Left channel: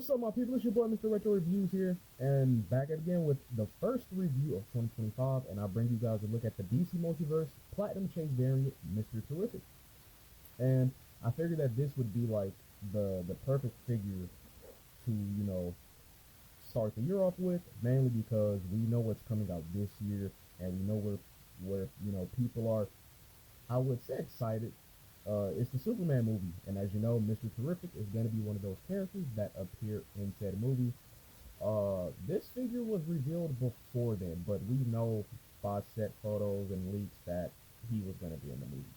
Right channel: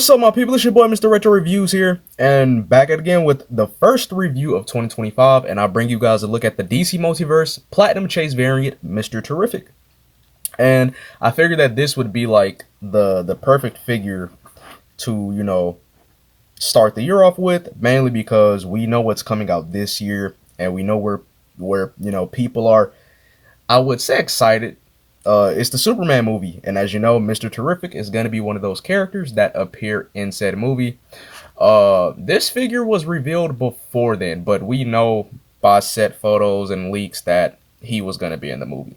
What's up, my people? It's your boy, Mr. Retro Reviews here, and back at again with the first review of 2025, and I bring you guys a look at the DC Multiverse Platinum Chase variant, Mr. Terrific. And I figured that this would be like the perfect figure to, start the year off with, mainly because we know what's coming out this year, and we know where people are, I would say, excited. It's the Superman movie, and as you know, Mr. Terrific is going to be one of those characters that appear in said movie. This figure was revealed before then, but we know by set photos and leaks that he was going to be in the movie.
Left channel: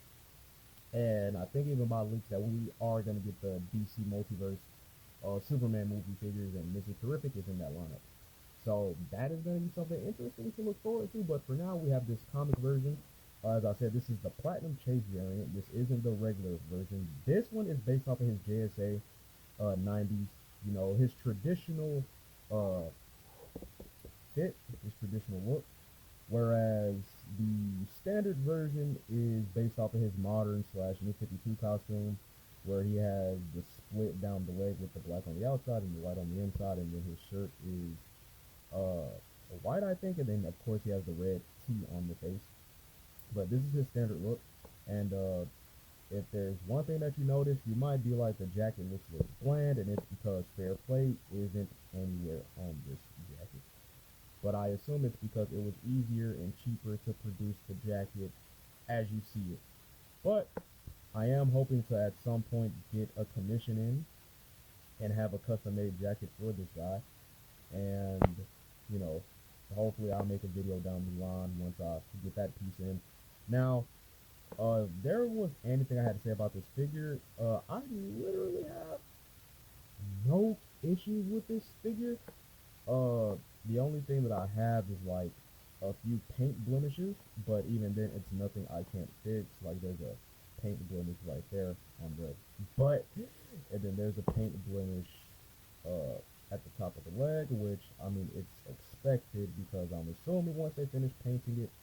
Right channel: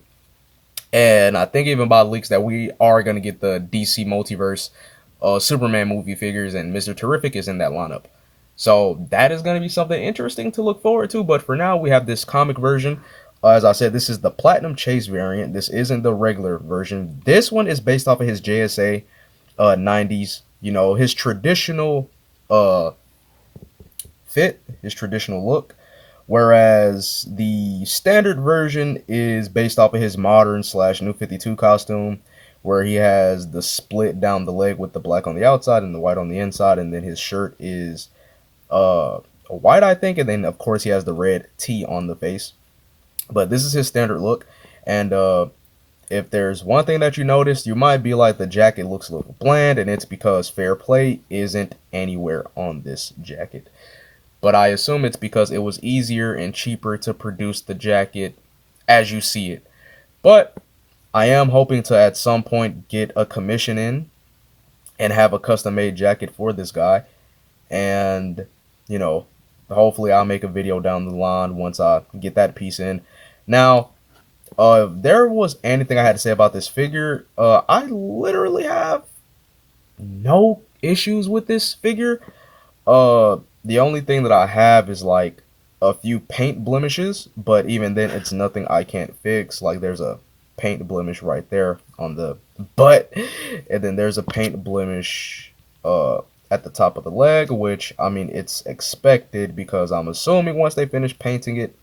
And I think even by leaks that we are going to get the DC Multiverse Superman movie figures, and Mr. Terrific is in that lineup. So that is going to be something interesting to look forward to. But for now, we have this comic version. As I said, this is the Platinum Chase variant. This isn't the regular version. This one is based off of his JSA 90s. His traditional uh, fit, his traditional look. Whereas the standard version is based off of his modern slash new 52 costume, where he has the split down the leg with the black on the outside and the white on the inside, and then his shirt is white, I think, and then of course he has the red T on the face. But this is his standard look, and if there's one thing that you noticed, you might be like, the jacket looks a little bland, and it's because fair play isn't anywhere on this jacket. But I assume it's because it was easier and cheaper to produce the jacket as you see it. But I am hoping to at some point get a commission in and have a custom made jacket for this guy. And, you know, hopefully I'll make a video down the line once I get that piece in. Now, if there was anything I had to say about this figure, I literally have no issues with this figure. The only thing that I have is like a few paint blemishes, but even then, it's nothing I can't fix. Like, there's a paint blemish right there on the butt, and then there's a paint blemish at the top of the leg, which, I mean, it's expected because I'm assuming once they finish painting it,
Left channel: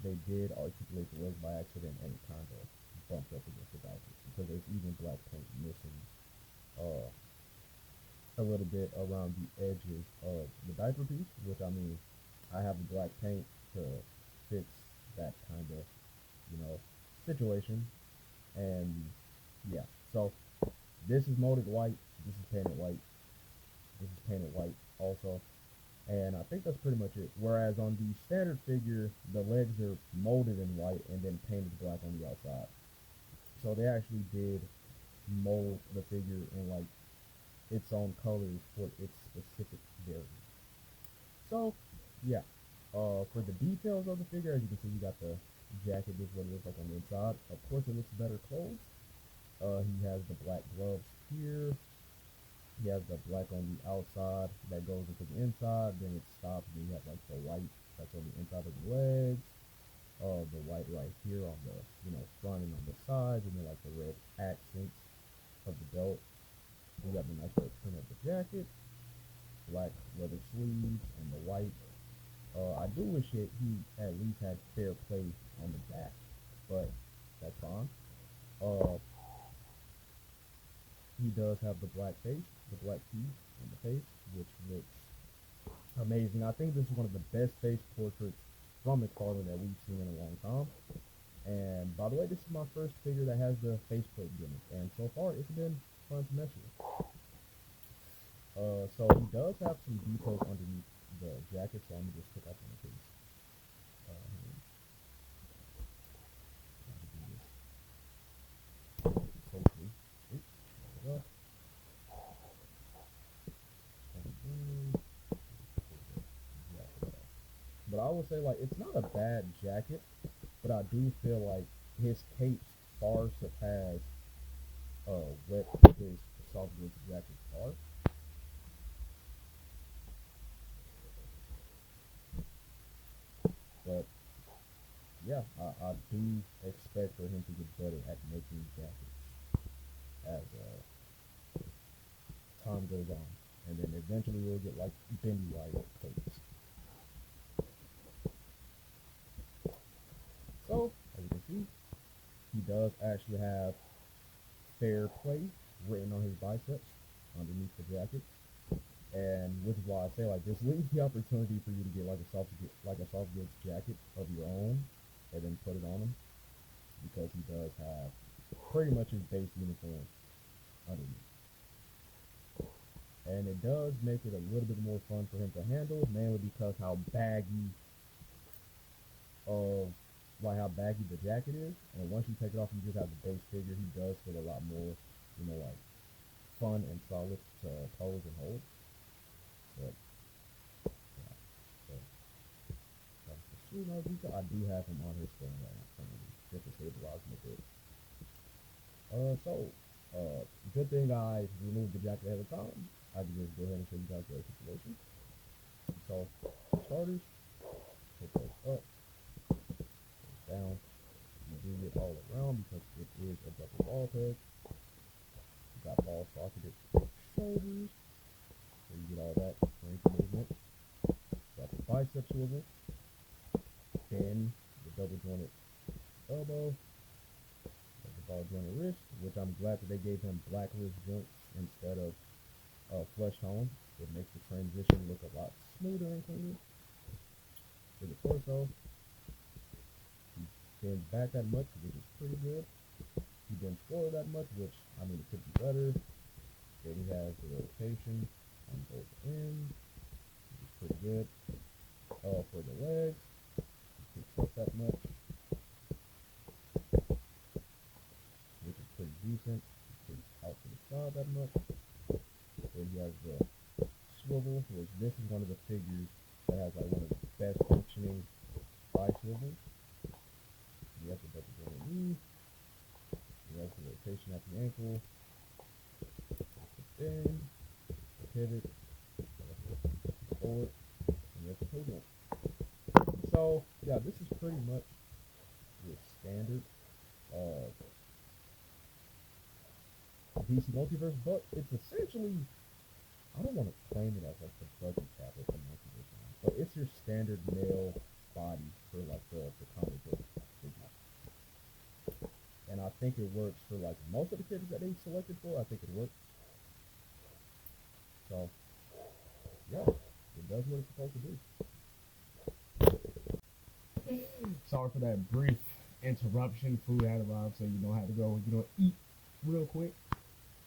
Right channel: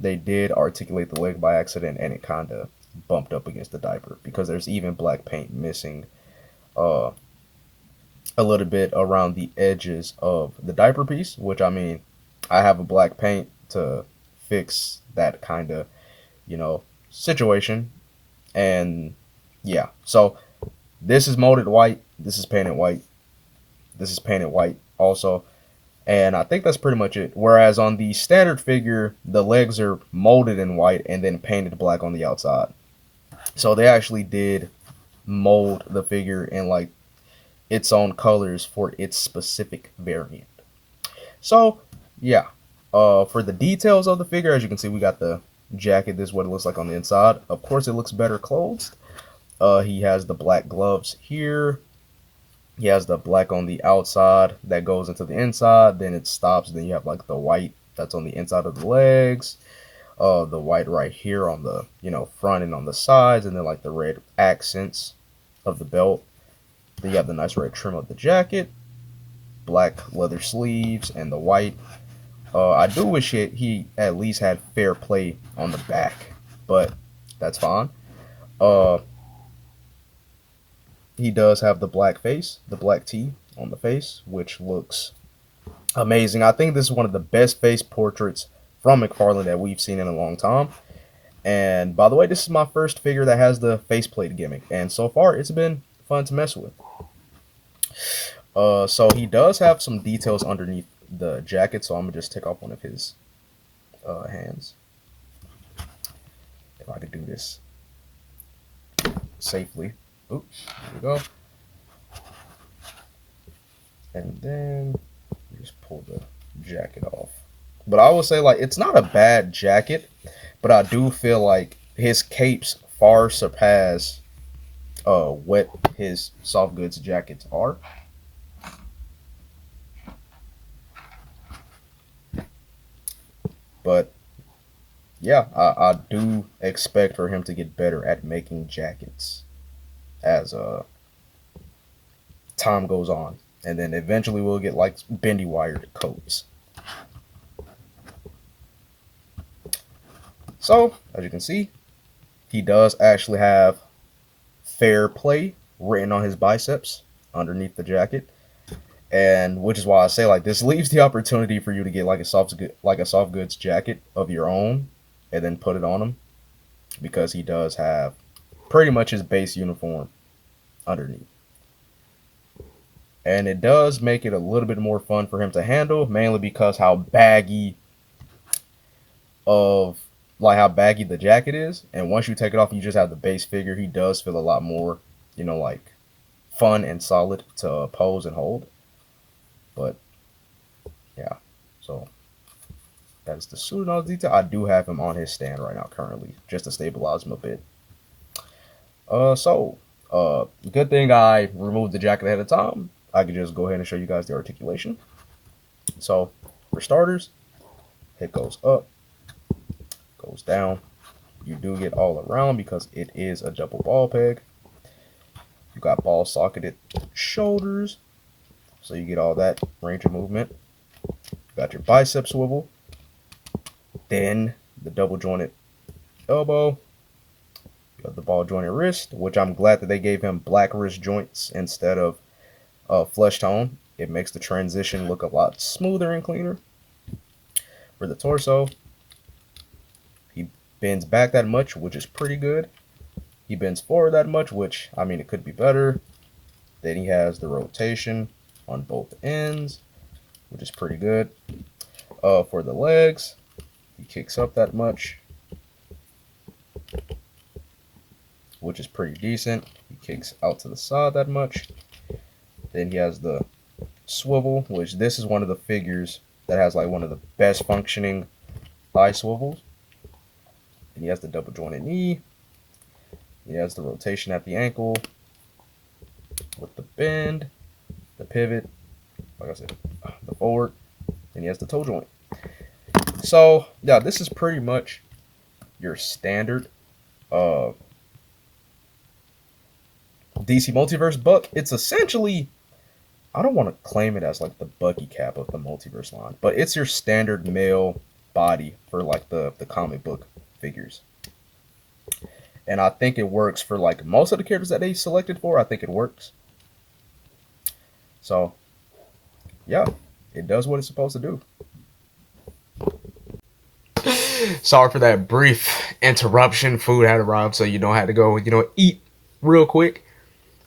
they did articulate the leg by accident, and it kind of bumped up against the diaper because there's even black paint missing uh a little bit around the edges of the diaper piece, which, I mean, I have a black paint to fix that kind of, situation. And yeah, so this is molded white, this is painted white, this is painted white also. And I think that's pretty much it. Whereas on the standard figure, the legs are molded in white and then painted black on the outside. So they actually did mold the figure in like its own colors for its specific variant. So yeah, for the details of the figure, as you can see, we got the jacket. This is what it looks like on the inside. Of course, it looks better clothed. He has the black gloves here. He has the black on the outside that goes into the inside. Then it stops. Then you have like the white that's on the inside of the legs. The white right here on the front and on the sides, and then like the red accents of the belt. Then you have the nice red trim of the jacket, black leather sleeves, and the white. I do wish he at least had fair play on the back, but that's fine. Uh, he does have the black face, the black T on the face, which looks amazing. I think this is one of the best face portraits from McFarlane that we've seen in a long time. And by the way, this is my first figure that has the faceplate gimmick, and so far it's been fun to mess with. So he does have some details underneath the jacket, so I'm gonna just take off one of his hands. If I could do this safely. Oops, there we go. And then just pull the jacket off. But I will say, like, it's not a bad jacket, but I do feel like his capes far surpass what his soft goods jackets are. But yeah, I do expect for him to get better at making jackets as time goes on, and then eventually we'll get like bendy wired coats. So as you can see, he does actually have fair play written on his biceps underneath the jacket. And which is why I say like this leaves the opportunity for you to get like a soft goods jacket of your own, and then put it on him, because he does have pretty much his base uniform underneath. And it does make it a little bit more fun for him to handle, mainly because of how baggy the jacket is. And once you take it off, you just have the base figure. He does feel a lot more, like fun and solid to pose and hold. But yeah, so that is the suit and all the detail. I do have him on his stand right now currently, just to stabilize him a bit. Good thing I removed the jacket ahead of time. I can just go ahead and show you guys the articulation. So for starters, it goes up, goes down. You do get all around because it is a double ball peg. You got ball socketed shoulders, so you get all that range of movement. You got your bicep swivel, then the double jointed elbow. You got the ball jointed wrist, which I'm glad that they gave him black wrist joints instead of flesh tone. It makes the transition look a lot smoother and cleaner. For the torso, he bends back that much, which is pretty good. He bends forward that much, which, I mean, it could be better. Then he has the rotation on both ends, which is pretty good. For the legs, he kicks up that much, which is pretty decent. He kicks out to the side that much. Then he has the swivel, which this is one of the figures that has like one of the best functioning thigh swivels. And he has the double jointed knee. He has the rotation at the ankle with the bend, the pivot, like I said, the forward, and he has the toe joint. So yeah, this is pretty much your standard DC Multiverse buck. It's essentially, I don't want to claim it as like the Bucky cap of the Multiverse line, but it's your standard male body for like the comic book figures. And I think it works for like most of the characters that they selected for. I think it works. So yeah, it does what it's supposed to do. Sorry for that brief interruption. Food had arrived, so had to go, eat real quick.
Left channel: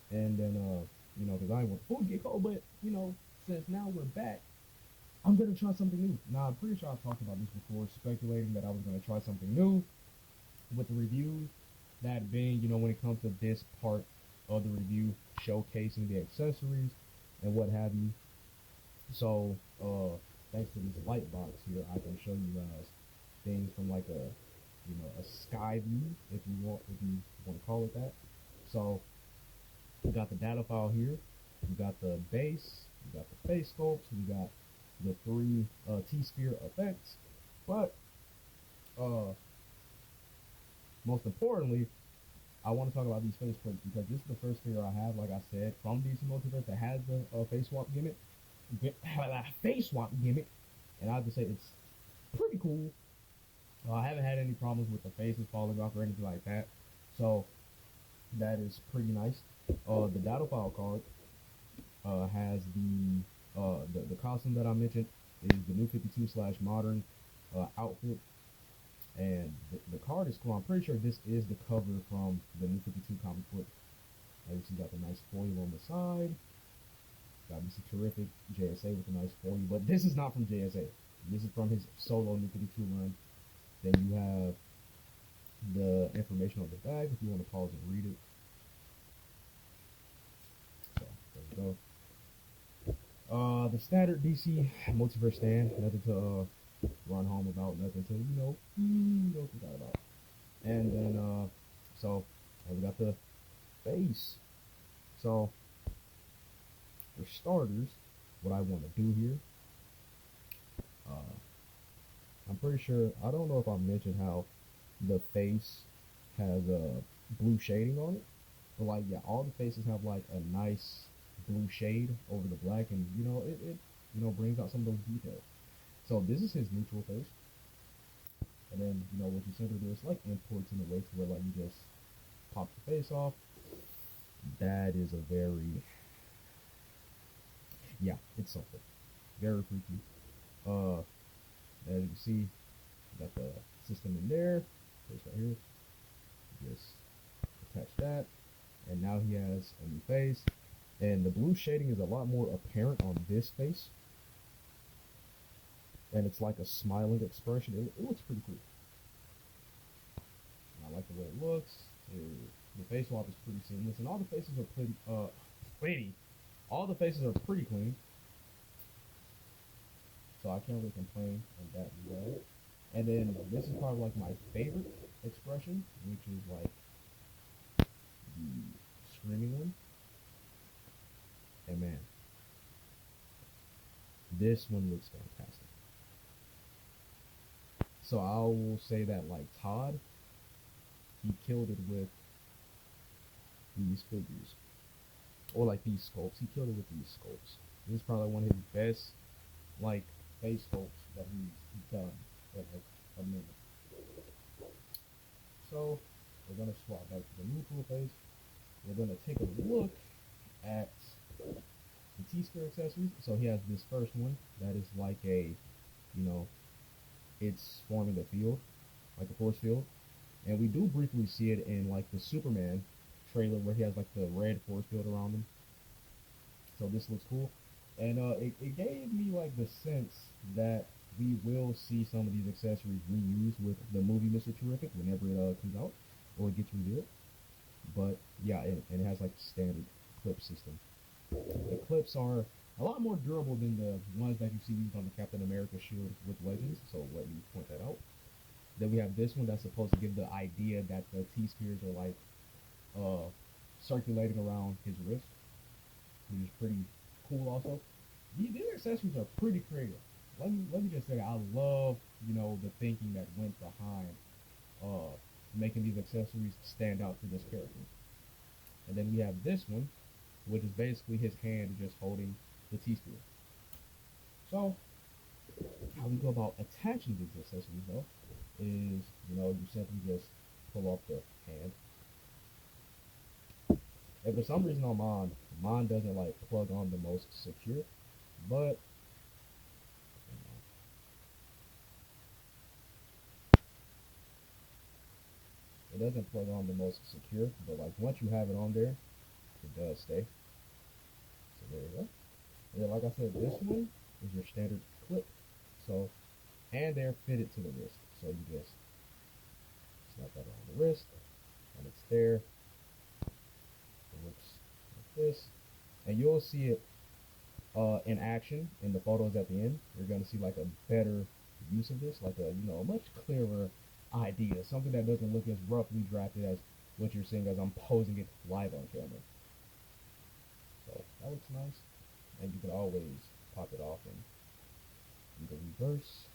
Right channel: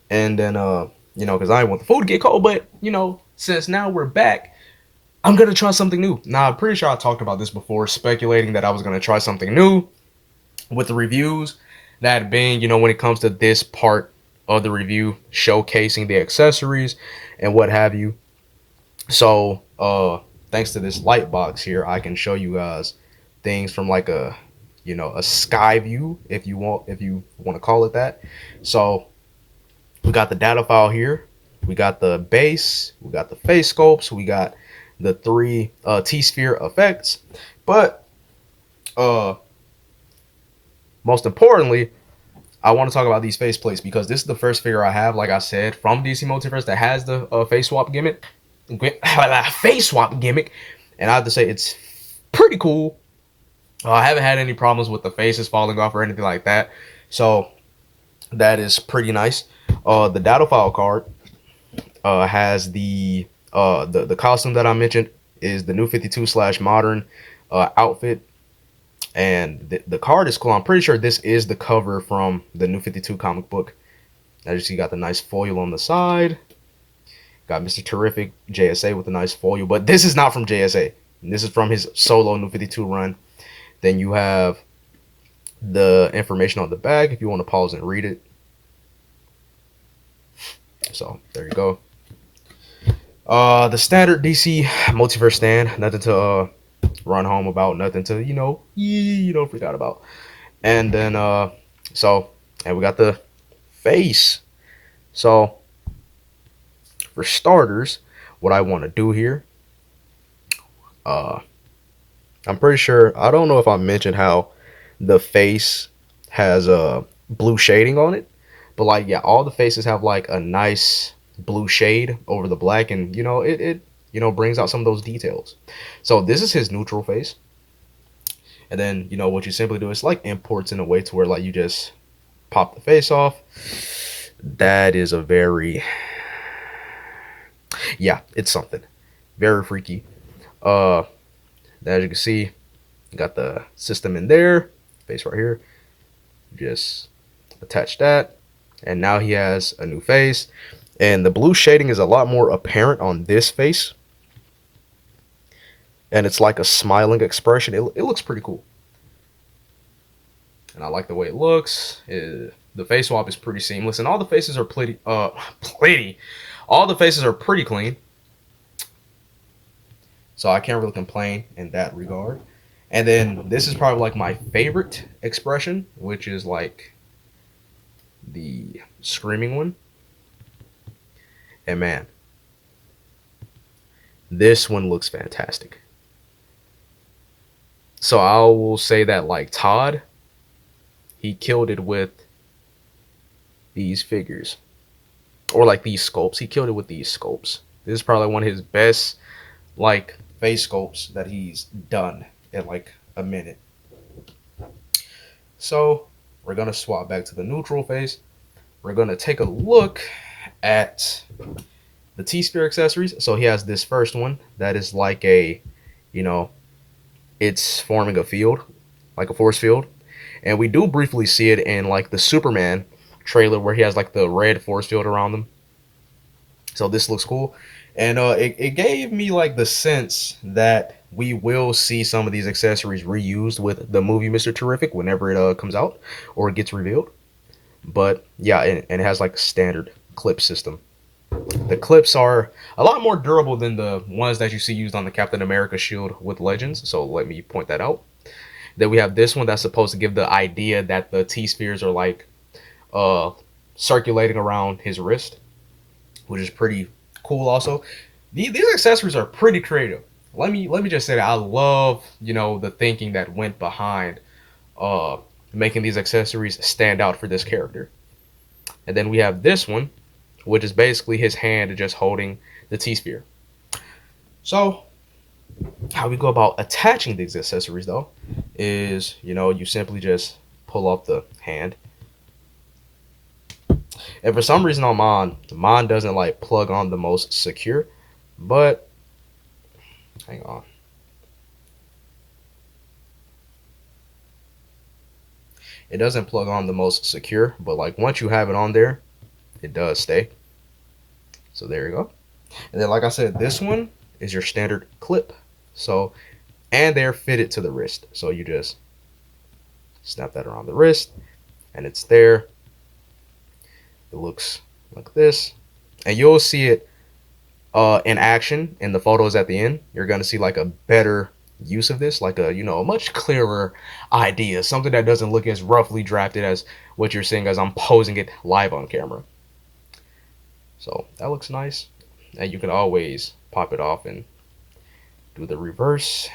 And then, because I didn't want the food to get cold, but, since now we're back, I'm going to try something new. Now, I'm pretty sure I talked about this before, speculating that I was going to try something new with the reviews. That being, when it comes to this part of the review, showcasing the accessories and what have you. So, thanks to this light box here, I can show you guys things from like a sky view, if you want to call it that. So we got the data file here, we got the base, we got the face sculpts, we got the 3 T-sphere effects, but most importantly, I want to talk about these face plates, because this is the first figure I have, like I said, from DC Multiverse that has the face swap gimmick, and I have to say it's pretty cool. I haven't had any problems with the faces falling off or anything like that, so that is pretty nice. The data file card has the costume that I mentioned is the New 52/modern outfit, and the card is cool. I'm pretty sure this is the cover from the New 52 comic book. As you see, got the nice foil on the side. Got Mr. Terrific JSA with a nice foil, but this is not from JSA. This is from his solo New 52 run. Then you have the information on the back if you want to pause and read it. So there you go. The standard DC Multiverse stand, nothing to run home about, nothing to freak out about. And then and we got the face. So for starters, what I want to do here, I'm pretty sure, I don't know if I mentioned how the face has blue shading on it, but like, yeah, all the faces have like a nice blue shade over the black, and it brings out some of those details. So this is his neutral face, and then what you simply do is like imports in a way to where like you just pop the face off. That is a very, Yeah, it's something very freaky. Uh, as you can see, got the system in there, face right here. Just attach that, and now he has a new face. And the blue shading is a lot more apparent on this face, and it's like a smiling expression. It looks pretty cool, and I like the way it looks. The face swap is pretty seamless, and all the faces are pretty. Pretty. All the faces are pretty clean, so I can't really complain in that regard. And then this is probably like my favorite expression, which is like the screaming one. And man, this one looks fantastic. So I will say that like Todd, he killed it with these figures. Or like these sculpts. He killed it with these sculpts. This is probably one of his best like face sculpts that he's done in like a minute. So we're gonna swap back to the neutral face. We're gonna take a look at the T-Sphere accessories. So he has this first one that is like a, you know, it's forming a field, like a force field. And we do briefly see it in like the Superman trailer where he has like the red force field around him. So this looks cool. And it gave me like the sense that we will see some of these accessories reused with the movie Mr. Terrific whenever it comes out or it gets revealed. But yeah, and it has like a standard clip system. The clips are a lot more durable than the ones that you see used on the Captain America shield with Legends. So let me point that out. Then we have this one that's supposed to give the idea that the T spheres are like uh circulating around his wrist, which is pretty cool. Also, these accessories are pretty creative. Let me just say that I love the thinking that went behind uh making these accessories stand out for this character. And then we have this one, which is basically his hand just holding the T sphere. So how we go about attaching these accessories though is you simply just pull up the hand. And for some reason on mine doesn't like plug on the most secure, but hang on. It doesn't plug on the most secure, but like once you have it on there, it does stay. So there you go. And then like I said, this one is your standard clip. So and they're fitted to the wrist. So you just snap that around the wrist and it's there. It looks like this. And you'll see it in action in the photos at the end. You're gonna see like a better use of this, like a much clearer idea, something that doesn't look as roughly drafted as what you're seeing as I'm posing it live on camera. So that looks nice, and you can always pop it off and do the reverse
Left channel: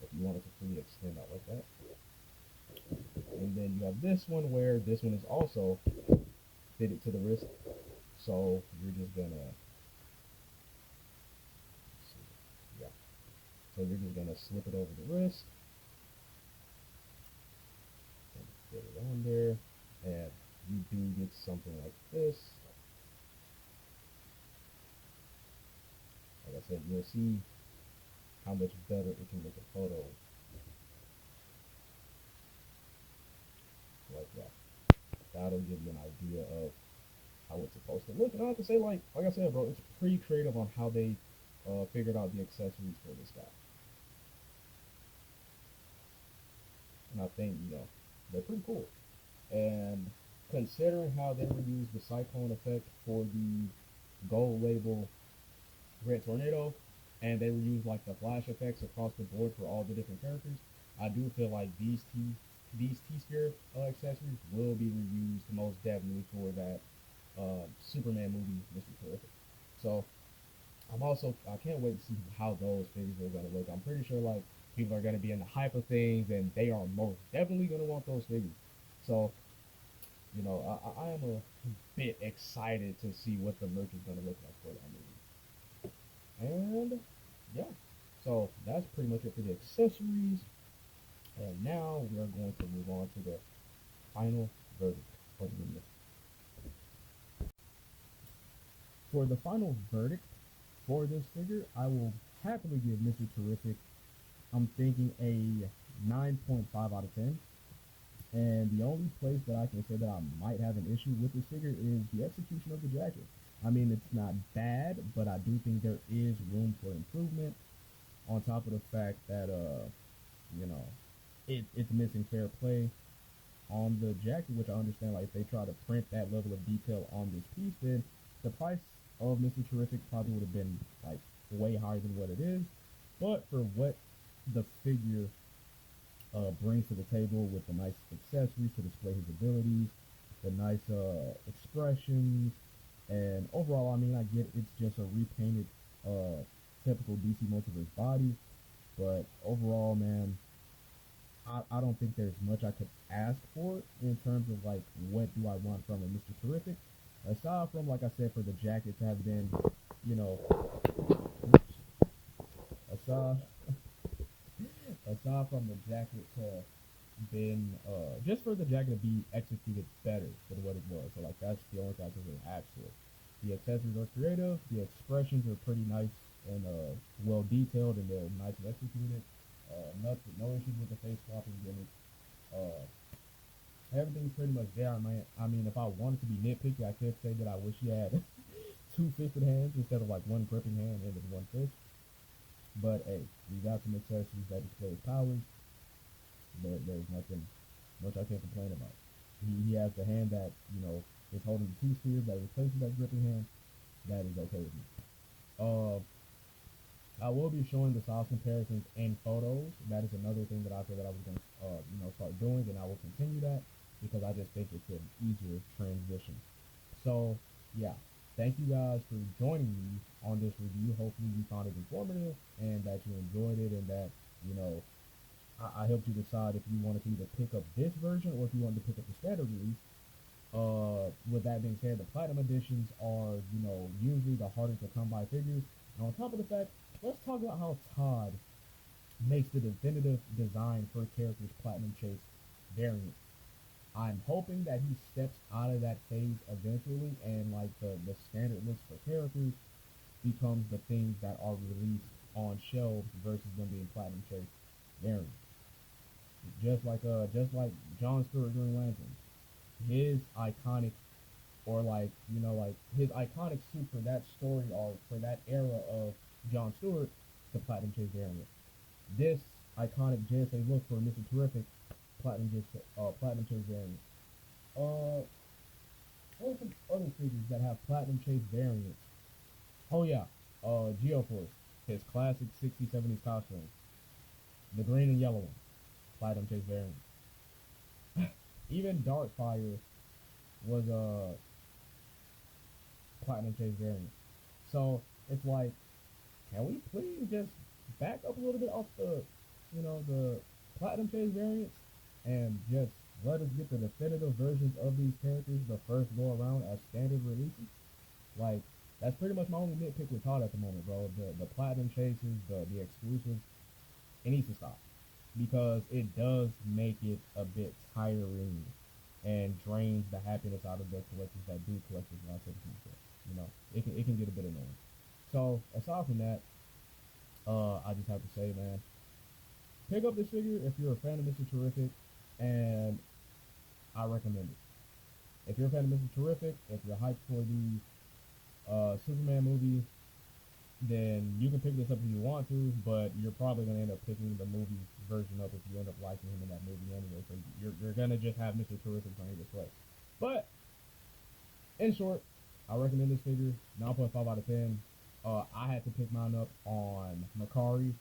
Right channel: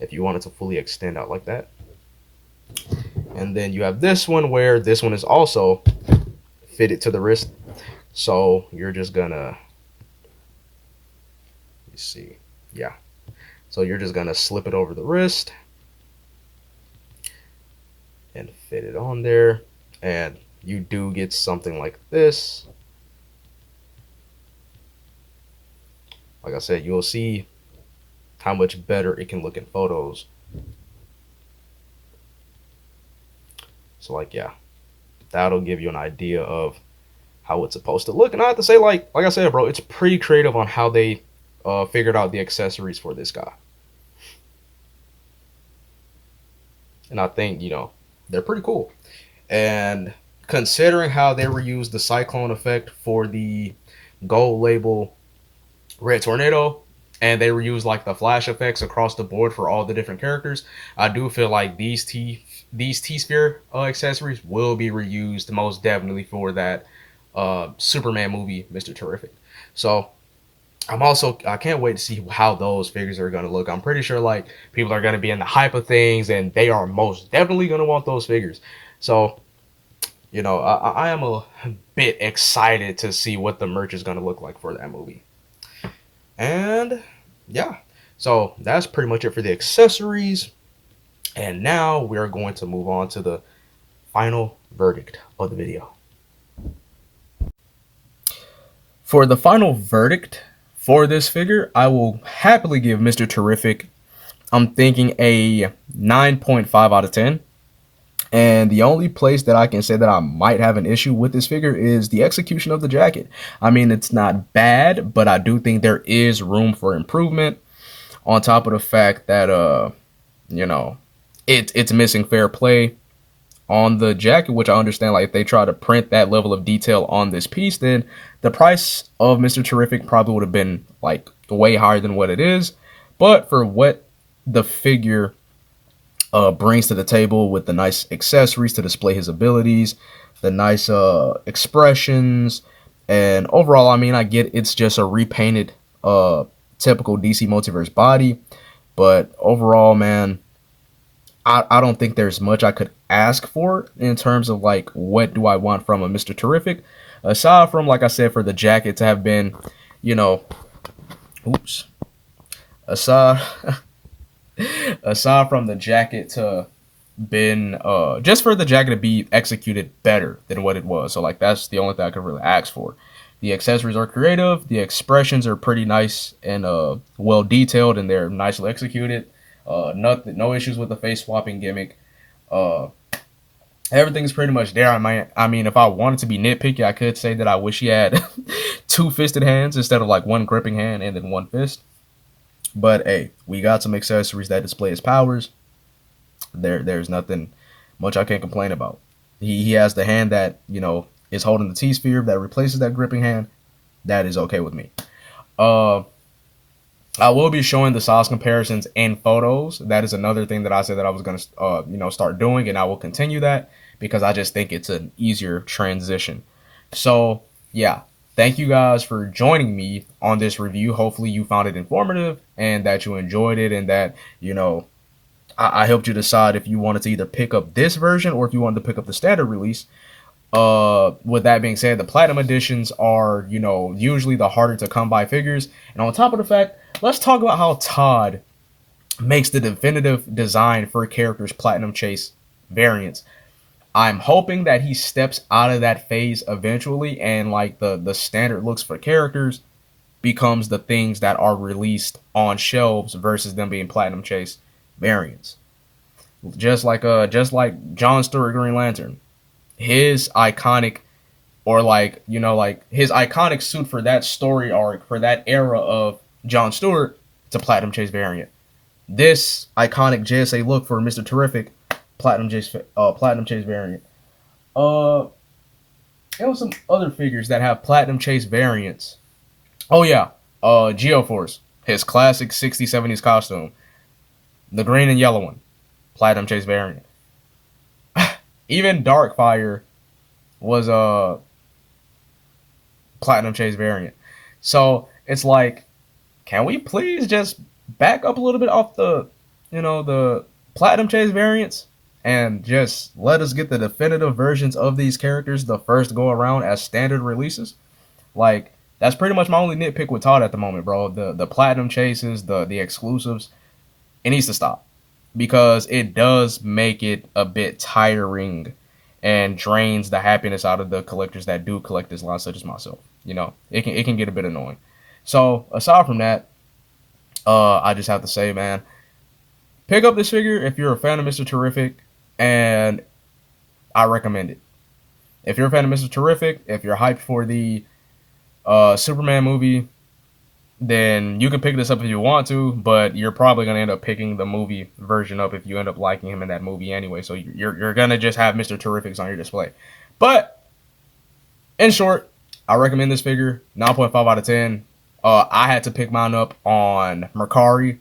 if you want it to fully extend out like that. And then you have this one where this one is also fitted to the wrist. So you're just gonna, let's see, yeah. So you're just gonna slip it over the wrist and fit it on there. And you do get something like this. Like I said, you'll see how much better it can look in photos. So like, yeah, that'll give you an idea of how it's supposed to look. And I have to say, like I said, bro, it's pretty creative on how they figured out the accessories for this guy. And I think, they're pretty cool. And considering how they reused the cyclone effect for the gold label Red Tornado, and they reused like the flash effects across the board for all the different characters, I do feel like these T sphere accessories will be reused most definitely for that Superman movie, Mr. Terrific. So I can't wait to see how those figures are gonna look. I'm pretty sure like people are gonna be in the hype of things, and they are most definitely gonna want those figures. So I am a bit excited to see what the merch is gonna look like for that movie. And yeah, so that's pretty much it for the accessories. And now we are going to move on to the final verdict of the video. For the final verdict for this figure, I will happily give Mr. Terrific, I'm thinking a 9.5 out of 10. And the only place that I can say that I might have an issue with this figure is the execution of the jacket. I mean, it's not bad, but I do think there is room for improvement. On top of the fact that you know, it's missing fair play on the jacket, which I understand. Like if they try to print that level of detail on this piece, then the price of Mr. Terrific probably would have been like way higher than what it is. But for what the figure brings to the table with the nice accessories to display his abilities, the nice expressions, and overall, I mean, I get it's just a repainted typical DC Multiverse body, but overall, man, I don't think there's much I could ask for in terms of like what do I want from a Mr. Terrific, aside from like I said for the jacket to have been, you know, oops, aside aside from the jacket to been just for the jacket to be executed better than what it was. So like that's the only thing I could really ask for. The accessories are creative, the expressions are pretty nice and well detailed, and they're nicely executed. Nothing, no issues with the face swapping gimmick. Uh, Everything's pretty much there. I mean, if I wanted to be nitpicky, I could say that I wish he had two fisted hands instead of like one gripping hand and then one fist. But hey, we got some accessories that display his powers. There's nothing much I can't complain about. He has the hand that is holding the T sphere that replaces that gripping hand. That is okay with me. Uh, I will be showing the size comparisons in photos. That is another thing that I said that I was gonna start doing, and I will continue that because I just think it's an easier transition. So yeah, thank you guys for joining me on this review. Hopefully you found it informative and that you enjoyed it, and that I helped you decide if you wanted to either pick up this version or if you wanted to pick up the standard release. With that being said, the platinum editions are, usually the harder to come by figures. And on top of the fact, let's talk about how Todd makes the definitive design for characters platinum chase variants. I'm hoping that he steps out of that phase eventually, and like the standard looks for characters becomes the things that are released on shelves versus them being platinum chase variants. Just like John Stewart Green Lantern, his iconic, or like his iconic suit for that story arc for that era of John Stewart, it's a platinum chase variant. This iconic JSA look for Mr. Terrific, platinum chase variant. Uh, there was some other figures that have platinum chase variants. Oh yeah, Geoforce, his classic 60s 70s costume, the green and yellow one, platinum chase variant. Even Darkfire was a platinum chase variant. So it's like, can we please just back up a little bit off the platinum chase variants and just let us get the definitive versions of these characters the first go around as standard releases? Like that's pretty much my only nitpick with Todd at the moment, bro. The platinum chases, the exclusives, it needs to stop because it does make it a bit tiring and drains the happiness out of the collectors that do collect this line, such as myself. It can get a bit annoying. So aside from that, I just have to say, man, pick up this figure if you're a fan of Mr. Terrific, and I recommend it. If you're a fan of Mr. Terrific, if you're hyped for the Superman movie, then you can pick this up if you want to, but you're probably gonna end up picking the movie version up if you end up liking him in that movie anyway. So you're gonna just have Mr. Terrifics on your display. But in short, I recommend this figure, 9.5 out of 10. I had to pick mine up on Mercari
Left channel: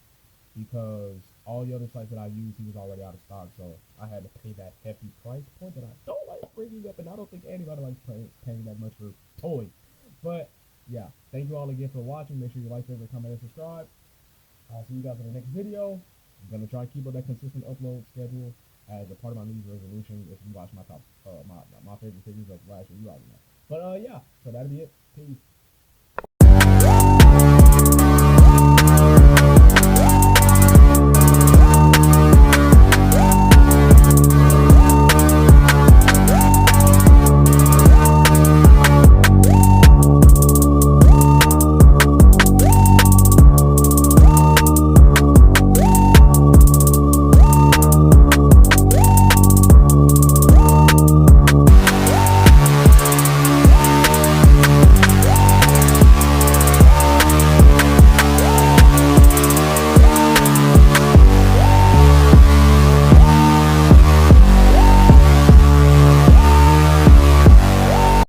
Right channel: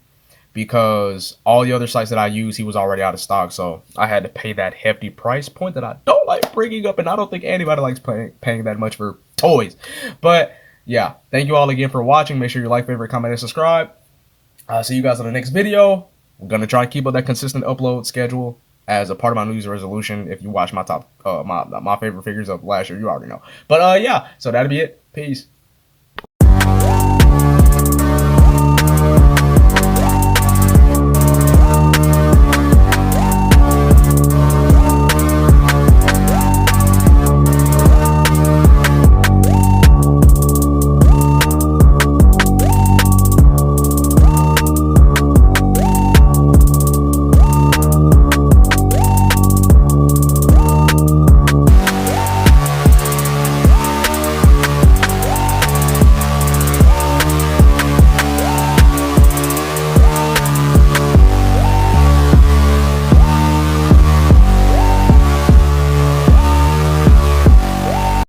because all the other sites that I use, he was already out of stock. So I had to pay that hefty price point that I don't like bringing up, and I don't think anybody likes paying that much for toys. But yeah, thank you all again for watching. Make sure you like, favorite, comment, and subscribe. I'll see you guys in the next video. I'm gonna try to keep up that consistent upload schedule as a part of my New Year's resolution. If you watch my top, my favorite figures of last year, you already know. But yeah, so that'll be it. Peace.